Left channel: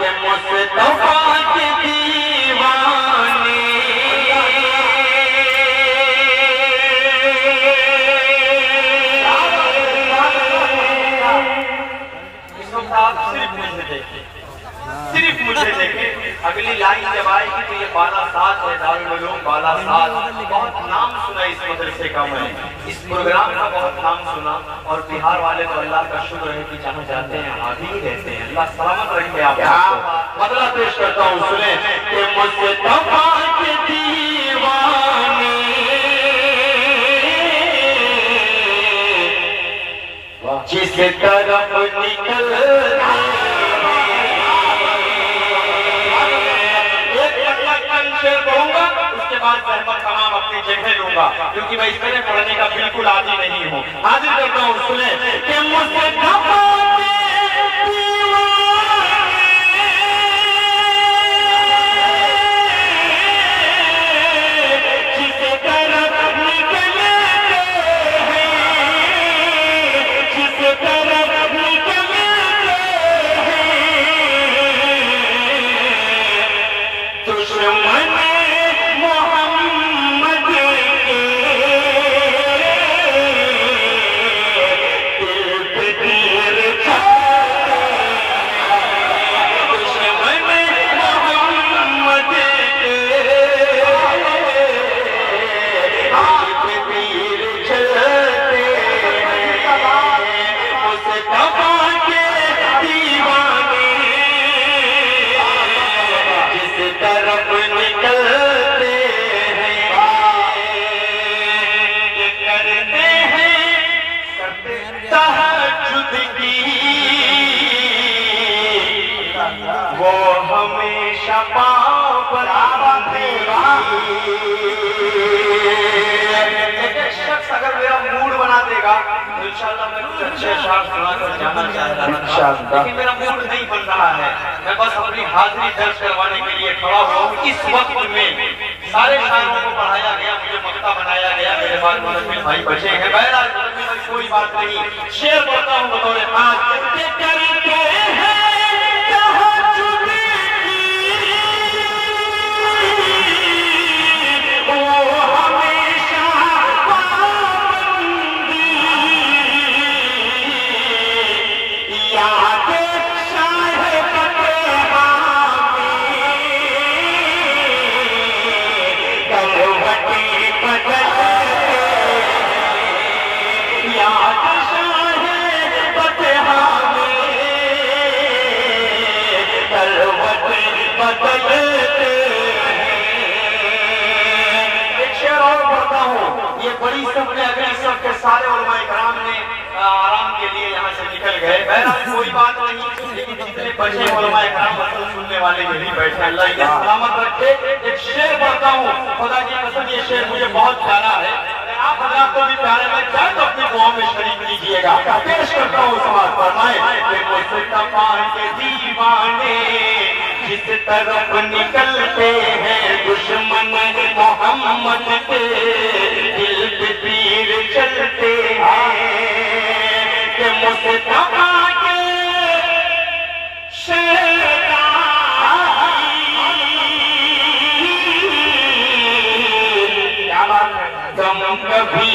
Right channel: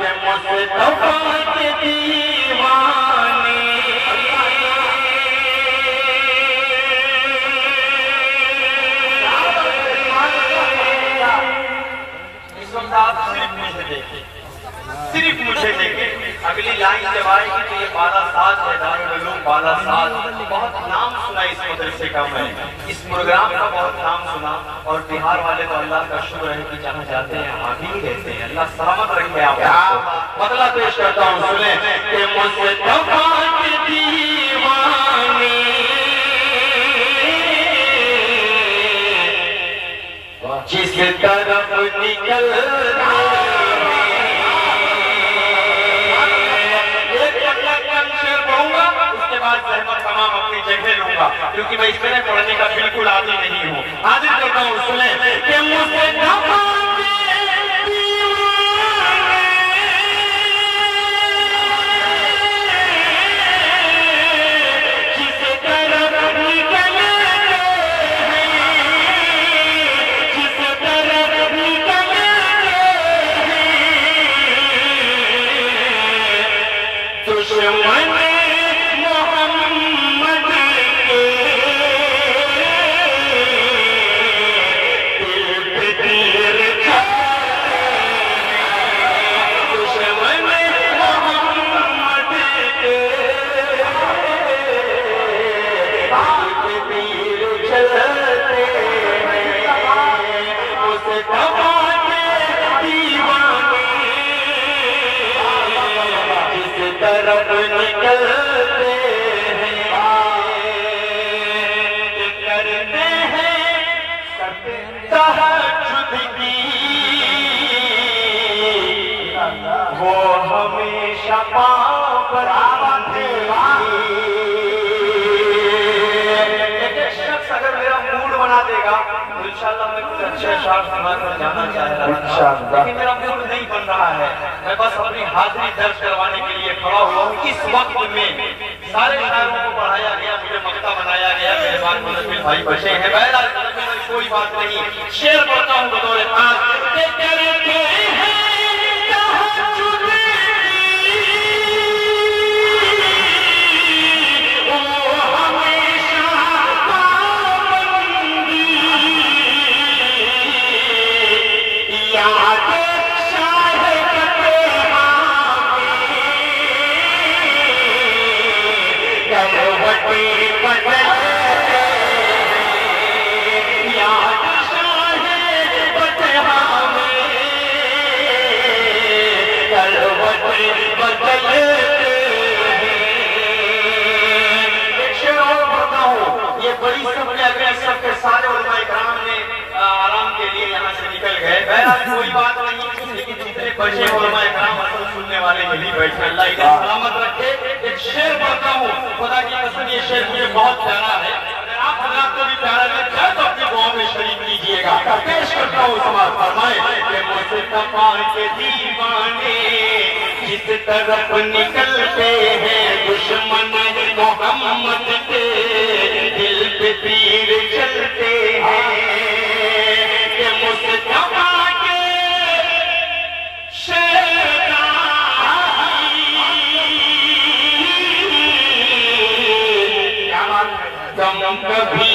मुस्तफा के दीवाने इस वक्त आप सिर्फ मुझे देखे। अगली लाइन जब आएगी तो ये बालासात है, दारुल उलूम बालासात। बहुत नाम सुना इस मदरसे का, मैंने इस प्रोग्राम का बहुत नाम सुना। और बिहार वाले तो अल्लाह का शुक्र है कि जहाँ जाते हैं वहाँ भी रहते हैं। अल्लाह सलामत रखे आप। बदला पेश करता हूँ, सुने कि मुस्तफा के दीवाने जिस तरफ निकल क्योंकि मैं इस तरह पढ़ने का बिल्कुल आदी नहीं हूँ। हाजिर करता हूँ, सुने कि मुस्तफा वो हमेशा शख्स अगर मेरा मूड बना देगा तो इंशाअल्लाह मैं कुछ अच्छे अशार सुनाकर जाना चाहता हूँ, लेकिन मेरा मूड नहीं बन रहा है। मैं बस अपनी हाजिरी दर्ज करवाने के लिए खड़ा हुआ हूँ। इस वक्त में सारे शायरों को पढ़ाया गया, मुझे मक्ता बनाया गया। मेरे पास मुदम्मिल भाई बचे हैं। बहरहाल कोई बात नहीं, शेर पढ़ता हूँ बतौर खास। बड़ी सफर अगले सबके सारे उलमाए कराम ने आराम के लिए यहाँ से निकल गए। बहरहाल कोई बात नहीं, लेकिन जितने बचे उलमाए कराम असल सुनने वाले यही बैठे। अल्लाह इन्हें सलामत रखे। एक शेर पढ़ता हूँ, खुदा की कसम ये शेर मुझे बहुत प्यारा है। अगर आप हजरात को भी प्यारा लगता है तो अपनी दुआ में शरीक लीजिएगा। पेश करता हूँ, समाज फरमाए कि मुस्तफा के दीवाने जिस तरफ निकलते हैं दुश्मन मोहम्मद के दिल पे तीर चलते हैं कि मुस्तफा के शैतान गम कभी